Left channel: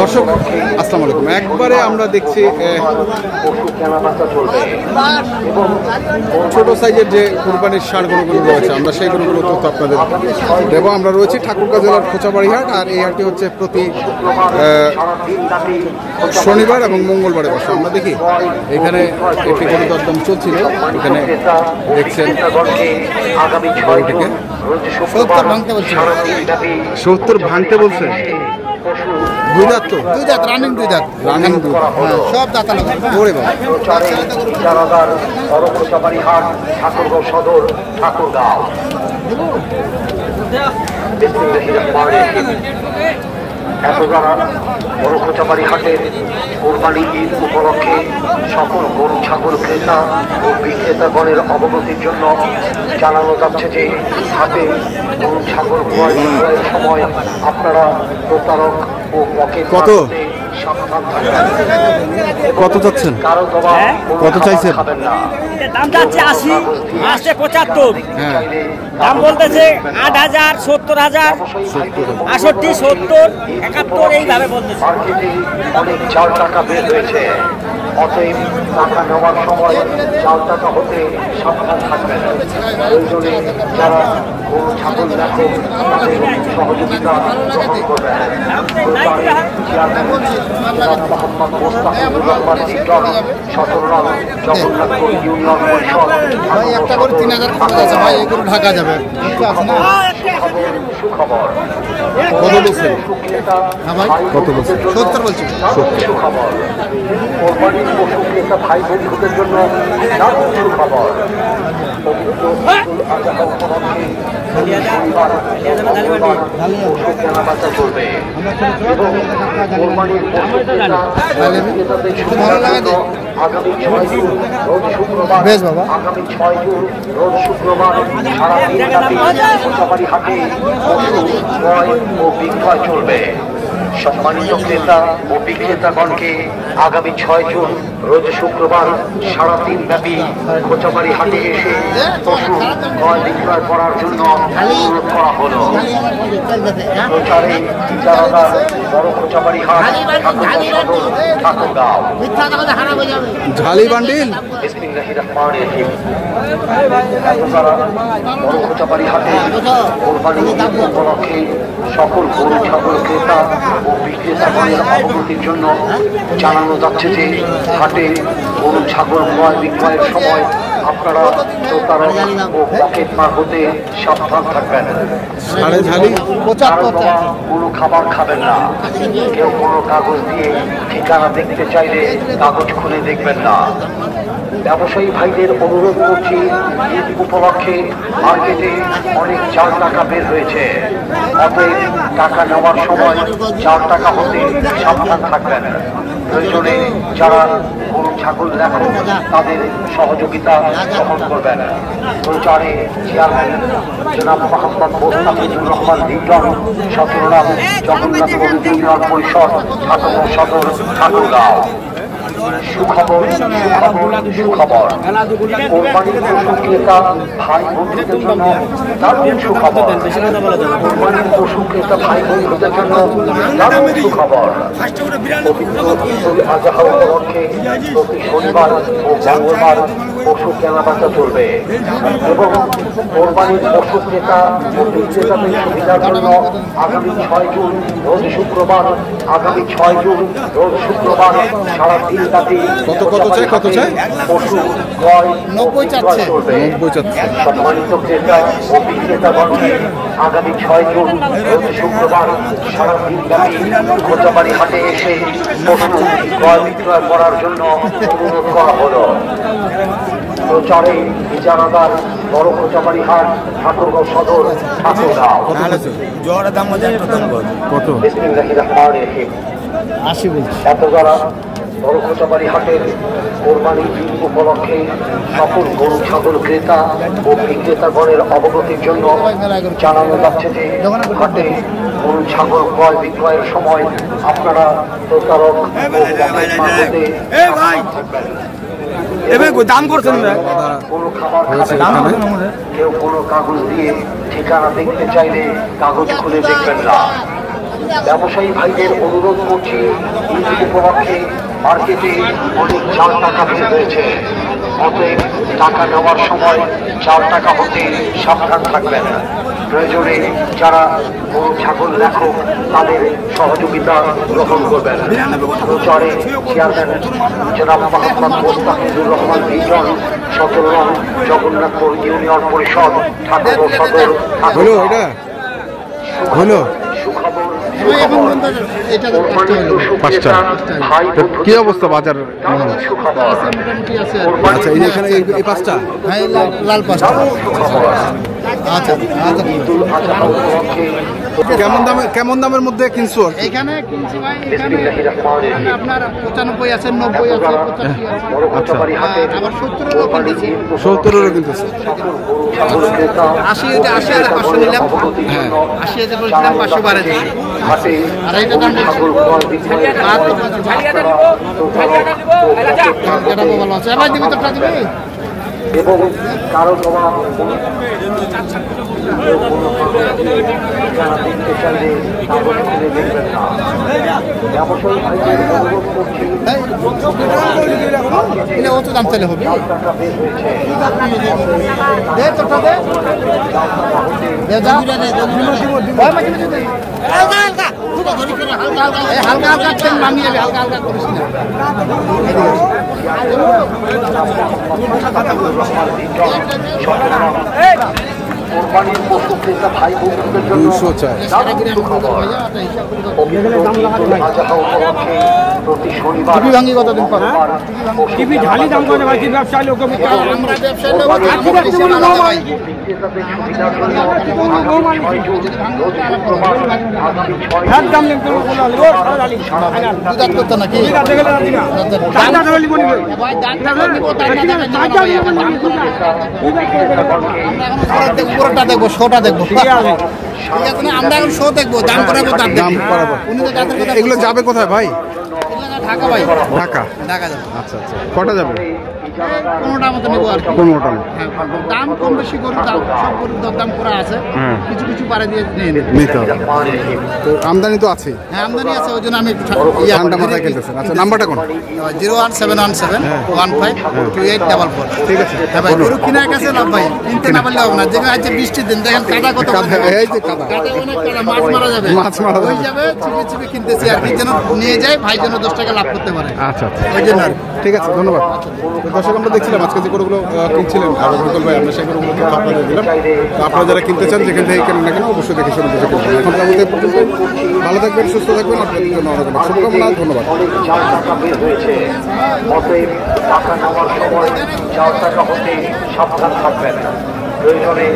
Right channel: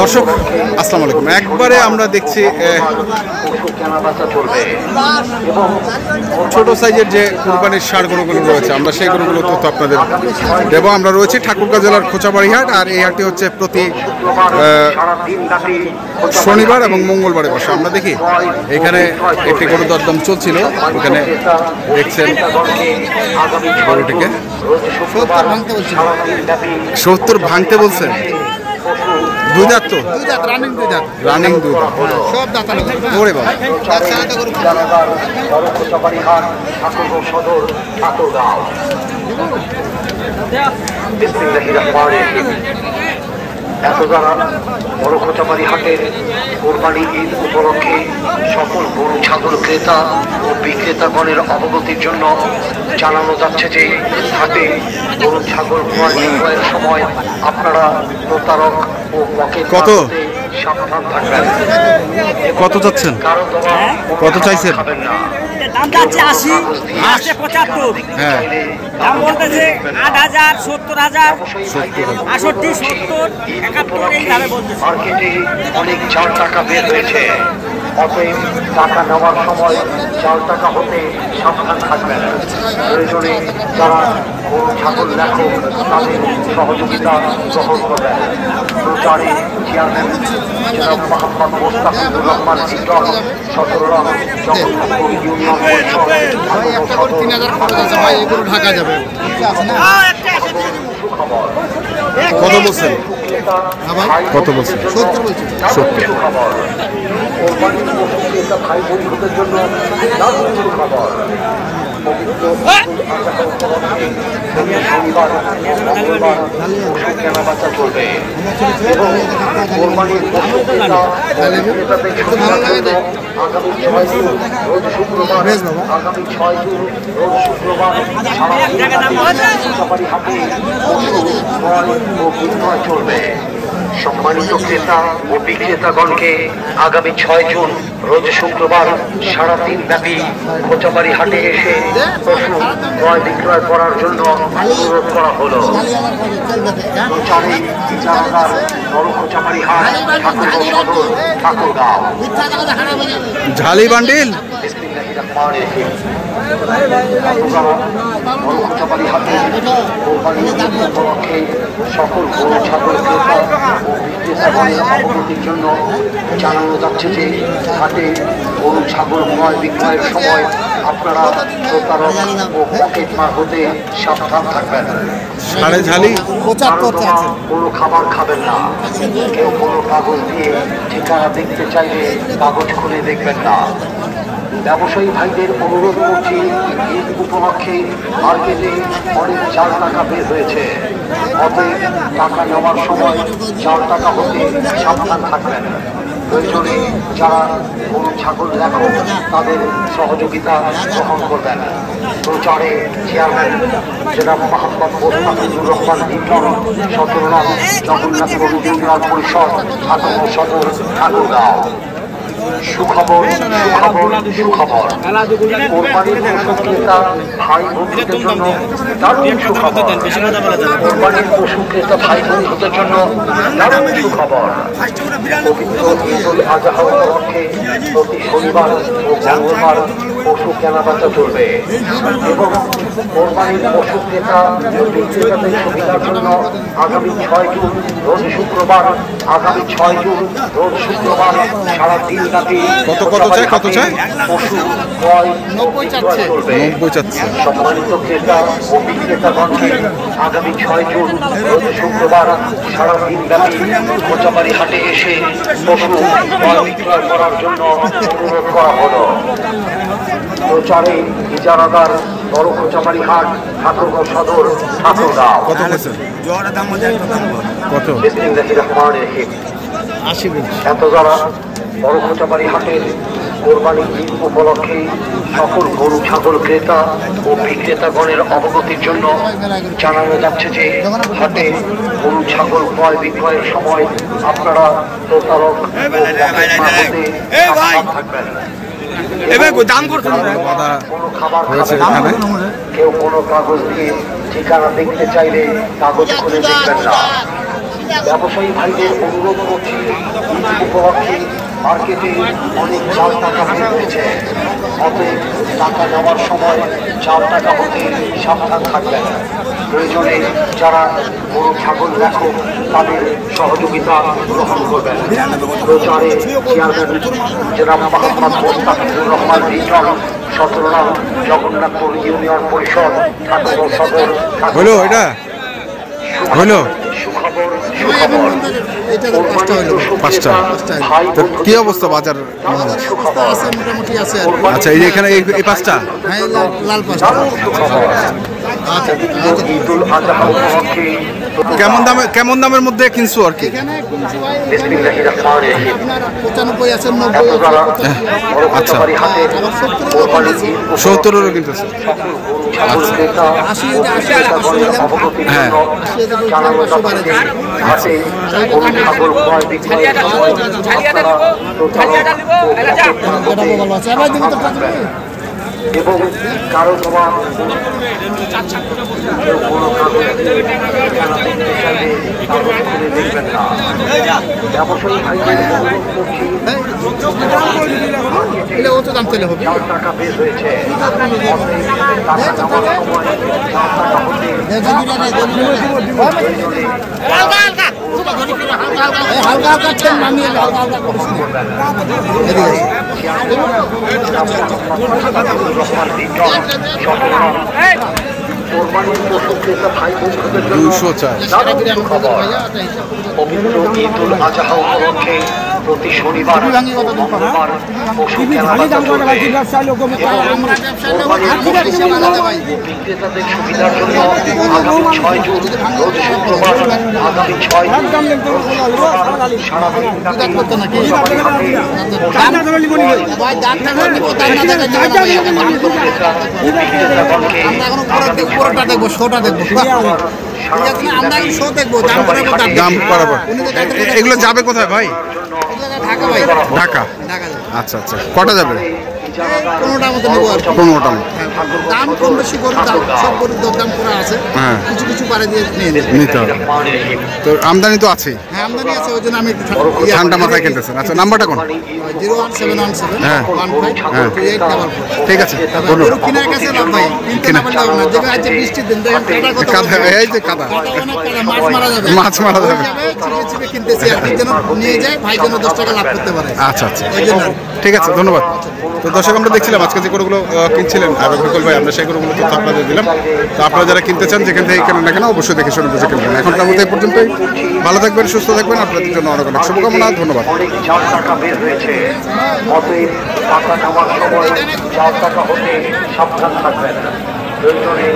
দর্শক আসসালামু আলাইকুম। একবারে আমরা দেখছি ছোট সাইজের যে কুরবানির ষাঁড় গরুগুলো রয়েছে, আমরা সেই গরুগুলো তথ্য আপনাদের দেব। আমরা রয়েছি ঠাকুরগাঁও জেলার খোঁচাবাড়ি হাট, আর এই হাটটি হচ্ছে প্রতি শনিবার এবং মঙ্গলবারে বসে। আমরা দেখি এখানে একটি গরু দরদাম চলছিল, ওখানে দেখছেন গরুটিকে 70 ভাঙতে বলছে। দুই দাঁত তো, রানিং দুই দাঁত সব দাঁত ওরে বাবা। বড়খোচাবাড়ি হাটের কোরবানি ঈদ উপলক্ষে সকল গরু ছাগল ক্রেতা ও বিক্রেতাগণের অবগতির জন্য জানানো যাচ্ছে যে হাটে গরু ছাগল ক্রয়ের সময় আপনারা প্রতারক ও পকেট কত কত চাচ্ছেন, কত চাইছেন? দাম যাচ্ছে 80, 75। হ্যাঁ, দাম বলতেছে 8,000, 70,000, 68, 70, 71 এইভাবে বলতেছে। মার্কেটে অনেক চার টাকা বের হয়েছে, অতএব টাকা নেওয়ার সময় 4 টাকা হতে সাবধান থাকবেন। প্রয়োজনে যারা গরু ছাগল রাখে তাদের সহযোগিতা গ্রহণ করবেন। চেয়ারম্যান জনাব মোহাম্মদ মোস্তাফিজুর রহমান লিটন, সদররাম জগন্নাথপুর ইউনিয়ন পরিষদ, ঢাকা যাবে। সুখবর। কত বলছেন? কত বলছেন? 70 বলছেন। 70। কোরবানির পশু ক্রেতা ভাই বন্ধুদের জন্য খবর। কেনাবেচা করবে এবং কোরবানির পশু ক্রেতা আগামী 6 জুন রোজ শুক্রবার সারা দিন হাটে পশু ক্রয় ও বিক্রয় চলবে। সম্মানিত ক্রেতা ও বিক্রেতাগণকে আগামী 6 জুন রোজ শুক্রবার সারাদিন ব্যাপী খোঁচাবাড়ি হাটে এসে পশু ক্রয় বিক্রয় করার জন্য অনুরোধ করা হলো। ঝালি বান্ডিল বড়খোচাবাড়ি হাটে কোরবানি উপলক্ষে সকল গরু ছাগল ক্রেতা ও বিক্রেতাগণের অবগতির জন্য জানানো যাচ্ছে যে হাটে গরু ছাগল ক্রয় বিক্রয়ের সময় আপনারা প্রতারক ও পকেট মার হতে সাবধান থাকবেন। কোনো খাবার খাবেন না। কেউ কোনো কাগজ দিয়ে ঠিকানা দেখতে চাইলে কাগজ খুলে দেখবেন না। ব্যবসায়ী ভাইদের অনুরোধ করছি, ঈদ উপলক্ষে মার্কেটে অনেক 4 টাকা বের হয়েছে, অতএব টাকা নেওয়ার সময় 4 টাকা হতে সাবধান থাকবেন। প্রয়োজনে যারা গরু ছাগল রাখেন তাদের সহযোগিতা গ্রহণ করবেন। প্রচারে চেয়ারম্যান জনাব মোহাম্মদ মোস্তাফিজুর রহমান লিটন, সদররাম জগন্নাথপুর ইউনিয়ন পরিষদ, ঠাকুরগাঁও সদর, ঠাকুরগাঁও। সুখবর, সুখবর, সুখবর। কোরবানির পশু ক্রেতা ভাই বন্ধুদের জন্য দারুণ সুখবর। কোরবানির পশু ক্রেতা ভাই বন্ধুদের জন্য দারুণ সুখবর। পবিত্র ঈদুল আজহা উপলক্ষে প্রতি শনিবার ও মঙ্গলবার পশু কেনাবেচা চলবে এবং কোরবানির পশু ক্রেতা ও বিক্রেতাদের সুবিধার জন্য আগামী 6 জুন রোজ শুক্রবার সারা দিন ব্যাপী কত চাই পশু ক্রয় 90 চাচ্ছে। সম্মানিত ক্রেতা ও বিক্রেতাগণকে আগামী 6 জুন রোজ শুক্রবার সারা দিন ব্যাপী খোঁচাবাড়ি হাটে এসে পশু ক্রয় বিক্রয় করার জন্য অনুরোধ করা হলো। প্রচারে ইজারাদার বড়খোচাবাড়ি হাট, ঠাকুরগাঁও সদর, ঠাকুরগাঁও। এত যারা বড়খোচাবাড়ি হাটের কোরবানি ঈদ উপলক্ষে সকল গরু ছাগল ক্রেতা ও বিক্রেতাগণের অবগতির জন্য জানানো যাচ্ছে যে হাটে গরু ছাগল ক্রয় বিক্রয়ের সময় আপনারা প্রতারক দাম করছেন কেউ কোনো কাগজ দিয়ে ঠিকানা দেখতে চাইলে কাগজ খুলে দেখবেন না। ব্যবসায়ী ভাইদের অনুরোধ করছি, ঈদ উপলক্ষে মার্কেটে অনেক চাল টাকা বের হয়েছে। অতএব টাকা নেওয়ার সময় চাল টাকা হতে সাবধান থাকবেন। প্রয়োজনে যারা গরু ছাগল লেখক তাদের সহযোগিতা গ্রহণ করবেন। প্রচারে চেয়ারম্যান জনাব মোহাম্মদ মোস্তাফিজুর রহমান রিজন, 17 নং জগন্নাথপুর ইউনিয়ন পরিষদ ঠাকুর সদর। হইলো এটা হইলো পাঁচটা। তো কি অবস্থা বাজার? আচ্ছা, এই এখানে এই পাঁচটা কেমন দামের মধ্যে কিনছো আর কি? আপনার 95 আছে, 90 আছে। আচ্ছা, আবার 70-এরও কিনতেছি। 70-এরও কিনতেছো? 80 এটা 80 আর 500 নিলাম। হ্যাঁ, 80 এটা বলছিলাম, 500 বাড়ে দিছি। আর এইটা দাম এটা ভালো আছে। এবার দিব তো টাকা দিবি। এবং কারো জমা কেউ কোনো কাগজ দেখতে চাইলে কাগজ খুলে দেখবেন না। ব্যবসায়ী ভাইদের অনুরোধ করছি, এটা অত দাম তাহলে হবে। টাকা বের হয়েছে। হালকা হালকা ট্রেন নামিয়ে হালকা হালকা করিস না। কোরবানির পশু ক্রেতা ভাইদের 204। সারা বিরিয়ানি ভাইয়া এটা হিসাব করে ঈদুল আজহা উপলক্ষে প্রতি শনিবার মঙ্গলবার পশু বিক্রেতাদের সুবিধার জন্য আগামী 6 জুন রোজ শুক্রবার, আগামী 6 বিক্রেতাগণকে আগামী পুরোটা দেখবো, শোটা দেখবো। ঠিক আছে না? আমরা এখন শো দেখবো, দাম করাবো, দাম করাবো। এগুলো যাবে কোথায় ভাই? ঢাকা ভাই, ঢাকা। ঢাকা যাবে। আচ্ছা আচ্ছা, কটা যাবে? 15টার মতো নেবো আর কি। 15টা মতো। দাম কম বেশি গরুর দাম, সব গরুর দাম করা আছে। হ্যাঁ, কিছু কিছু পারে দিয়ে নিয়ে নেবে। নিতে হবে। তো আমদানি তো আছেই, হ্যাঁ, আমদানি আছে, ওই জন্য আমি একটু ঠান্ডা মাথায় কিনতেছেন। আচ্ছা, নাম্বারটা কোন? 01717 হ্যাঁ। 152844। ঠিক আছে, গরু কিনার কাছে লাভ ভাই, কিনতে না পারলে হবে না। যেমন আজকে বৃষ্টির দিন, দেখেন কাদা কত। কাদা, এই যে কাদা, কাদা অনেক কাদা, মাছ মারা যাবে। মাছ মারা যাবে। চিপে চিপে কিনতেছি আর কি, যেন নিয়ে যায় ভাই, যেন 10 টাকা লাভ করতে পারে। আচ্ছা আচ্ছা, এই জন্য ঠিক আছে, ধন্যবাদ। তো দর্শক, আমরা দেখছিলাম আজকে যে গরুগুলো কিনছিলেন বিকল ভাই, আমরা সেই গরুগুলো তথ্য আপনাদের দিলাম। তো আপনারা যারা কিনতে চান, যেখান থেকে কেনেন না কেন, অবশ্যই দেখে শুনে বুঝে কিনবেন। এখনকার মতো এই পর্যন্তই। ভালো থাকবেন, সুস্থ থাকবেন, আপনাদের জন্য অনেক অনেক শুভকামনা। ধন্যবাদ। অনেক চাল টাকা বের হয়েছে। অতএব টাকা নেওয়ার সময় চাল টাকা হতে সাবধান থাকবেন। প্রয়োজনে